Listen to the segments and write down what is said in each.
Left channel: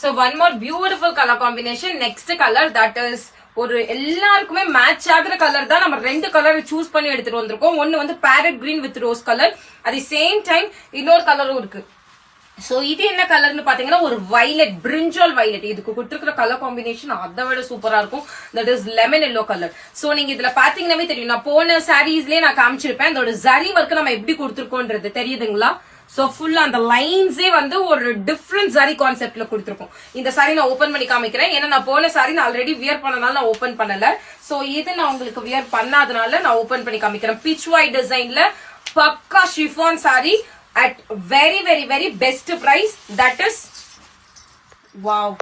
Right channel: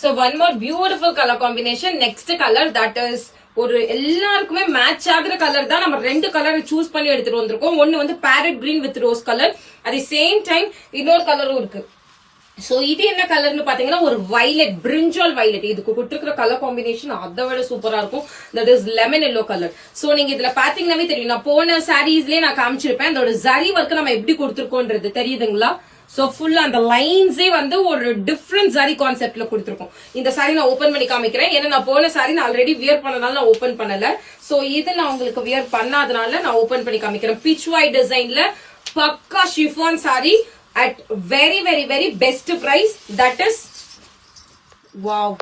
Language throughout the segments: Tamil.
So one more beautiful color combination. Next color that is ஒரு எல்லாருக்குமே மேட்ச் ஆகுற கலர் தான். நம்ம ரெண்டு கலர் சூஸ் பண்ணி எடுத்துட்டு வந்திருக்கோம். ஒன்னு வந்து farad green with rose colour, அதே சேம் டைம் இன்னொரு கலரும் இருக்கு. சோ இது என்ன கலர்னு பாத்தீங்கன்னா ஒரு வயலட், பிரிஞ்சால் வயலட். இதுக்கு கொடுத்துருக்கிற கலர் காம்பினேஷன் அதை விட சூப்பரா இருக்கும். That is lemon yellow colour. So நீங்க இதுல பாத்தீங்கன்னாவே தெரியும், நான் போன சாரீஸ்லயே நான் காமிச்சிருப்பேன் அதோட ஜரி ஒர்க் நம்ம எப்படி கொடுத்துருக்கோன்றது தெரியுதுங்களா? சோ ஃபுல்லா அந்த லைன்ஸே வந்து ஒரு டிஃபரெண்ட் சாரி கான்செப்ட்ல கொடுத்துருக்கோம். இந்த சாரி நான் ஓபன் பண்ணி காமிக்கிறேன். ஏன்னா நான் போன சாரி நான் ஆல்ரெடி வியர் பண்ணனால நான் ஓபன் பண்ணல. சோ இது நான் உங்களுக்கு வியர் பண்ணாதனால நான் ஓபன் பண்ணி காமிக்கிறேன். பீச் ஒயிட் டிசைன்ல பக்கா chiffon sari at very very very best price. That is wow,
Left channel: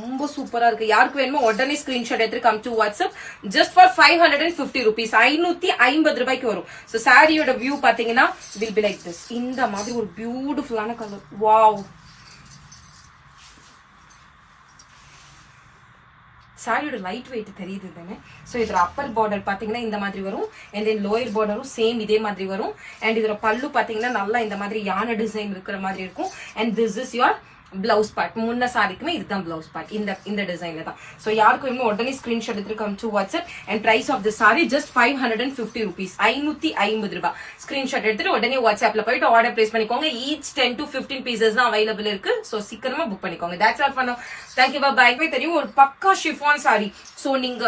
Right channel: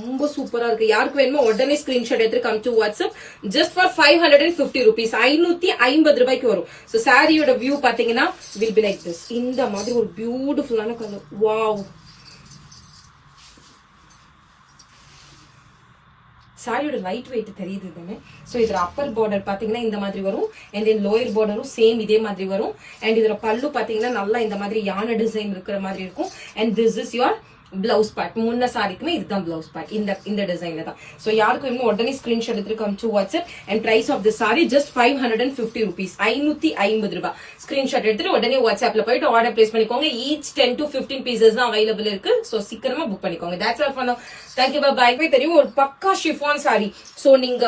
ரொம்ப சூப்பரா இருக்கு. யாருக்கு வேணுமோ உடனே ஸ்கிரீன்ஷாட் எடுத்து come to WhatsApp. Just for 550 rupees, 550 ரூபாய்க்கு வரும். சோ சாரியோட வியூ பாத்தீங்கன்னா வில் பி லைக் திஸ். இந்த மாதிரி ஒரு பியூட்டிஃபுல்லான கலர். வாவ், சாரியோட லைட் வெயிட் தெரியுது தானே. சோ இதுல அப்பர் பார்டர் பாத்தீங்கன்னா இந்த மாதிரி வரும், அண்ட் தென் லோயர் பார்டரும் சேம் இதே மாதிரி வரும். அண்ட் இதுல பல்லு பாத்தீங்கன்னா நல்லா இந்த மாதிரி யானை டிசைன் இருக்கிற மாதிரி இருக்கும். And this is your blouse part. முன்ன சாரிக்குமே இதுதான் பிளவுஸ் பார்ட், இந்த டிசைன்ல தான். சோ யாருக்கு வேணுமோ உடனே ஸ்கிரீன்ஷாட் எடுத்து come to WhatsApp. And price of the sari just 550 rupees, 550 ரூபாய். ஸ்கிரீன்ஷாட் எடுத்துட்டு உடனே வாட்ஸ்அப்ல போயிட்டு ஆர்டர் பிளேஸ் பண்ணிக்கோங்க. ஈச் 10 to 15 pieces தான் அவைலபிள் இருக்கு. சோ சீக்கிரமா புக் பண்ணிக்கோங்க. That's all for now. Thank you bye. தெரியும் ஒரு பக்கா ஷிஃபான் சாரி. சோ நீங்க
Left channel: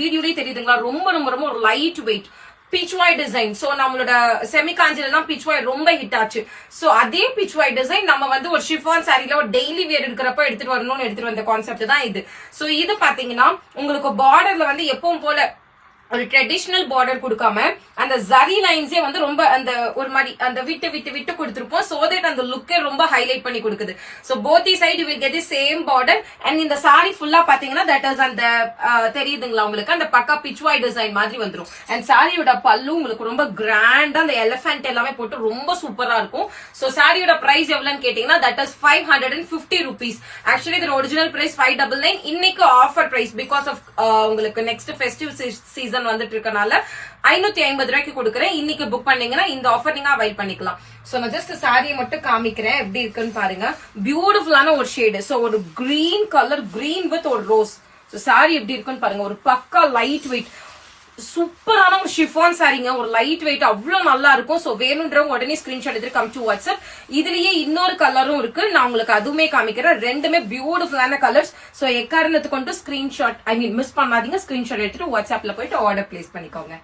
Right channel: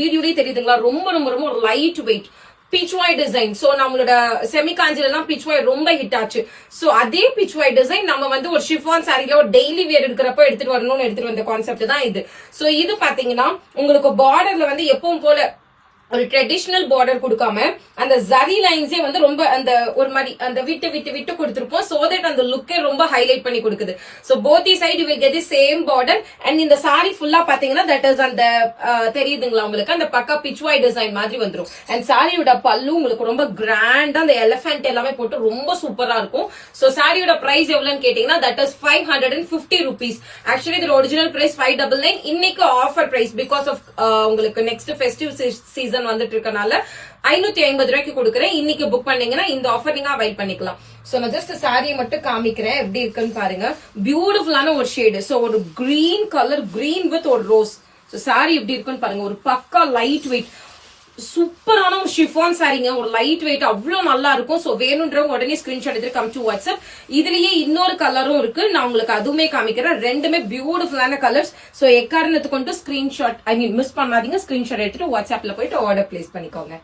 வீடியோலயே தெரியுதுங்களா, ரொம்ப ரொம்ப ரொம்ப ஒரு light weight beach white design. So நம்மளோட செமி காஞ்சில தான் பீச் ஒயிட் ரொம்ப ஹிட் ஆச்சு. சோ அதே பீச் ஒயிட் டிசைன் நம்ம வந்து ஒரு ஷிஃபான் சாரில ஒரு டெய்லி வேர் எடுக்கிறப்ப எடுத்துட்டு வரணும்னு எடுத்துட்டு வந்த கான்செப்ட் தான் இது. சோ இது பாத்தீங்கன்னா உங்களுக்கு பார்டர்ல வந்து எப்பவும் போல ஒரு ட்ரெடிஷனல் பார்டர் கொடுக்காம அந்த ஜரி லைன்ஸே வந்து ரொம்ப அந்த ஒரு மாதிரி அந்த விட்டு விட்டு விட்டு கொடுத்திருப்போம். சோ தட் அந்த லுக்கே ரொம்ப ஹைலைட் பண்ணி கொடுக்குது. So both the side you will get the same border. And இந்த சாரி ஃபுல்லா பாத்தீங்கன்னா தட் இஸ் அந்த தெரியுதுங்களா உங்களுக்கு, அந்த பக்கா பிச் ஒயிட் டிசைன் மாதிரி வந்துரும். அண்ட் சாரியோட பல்லு உங்களுக்கு ரொம்ப கிராண்டா அந்த எலிஃபென்ட் எல்லாமே போட்டு ரொம்ப சூப்பரா இருக்கும். சோ சாரியோட பிரைஸ் எவ்வளவுன்னு கேட்டீங்கன்னா தட் இஸ் 550 rupees. ஆக்சுவலி இதோட ஒரிஜினல் பிரைஸ் 599. இன்னைக்கு ஆஃபர் பிரைஸ் பிகாஸ் ஆஃப் உங்களுக்கு நெக்ஸ்ட் ஃபெஸ்டிவ் சீசன் வந்துட்டு இருக்கனால 550 ரூபாய்க்கு கொடுக்குறேன். இன்னைக்கு புக் பண்ணீங்கன்னா இந்த ஆஃபர் நீங்க அவைல் பண்ணிக்கலாம். சோ நான் ஜஸ்ட் சாரியை மட்டும் காமிக்கிறேன் எப்படி இருக்குன்னு பாருங்க. பியூட்டிஃபுல்லான ஒரு ஷேடு. சோ ஒரு கிரீன் கலர், கிரீன் வித் ஒரு ரோஸ். சோ சாரி எப்படி இருக்குன்னு பாருங்க. ஒரு பக்கா லைட் வெயிட் சூப்பரான ஒரு ஷிஃபான் சாரிங்க. ஒரு லைட் வெயிட் அவ்வளவு நல்லா இருக்கும். சோ வேணும்ன்றவங்க உடனே ஸ்கிரீன்ஷாட் எடுத்து கம் டு வாட்ஸ்அப். இதுலயே இன்னொரு கலரும் இருக்கு, நான் உங்களுக்கு அதுவுமே காமிக்கிறேன். ரெண்டுமே பியூட்டிஃபுல்லான கலர்ஸ். சோ எக்காரணத்துக்கு கொண்டு ஸ்கிரீன்ஷாட் மிஸ் பண்ணாதீங்க. ஸ்கிரீன்ஷாட் எடுத்துட்டு வாட்ஸ்அப்ல போயிட்டு ஆர்டர் பிளேஸ் பண்ணிக்கோங்க.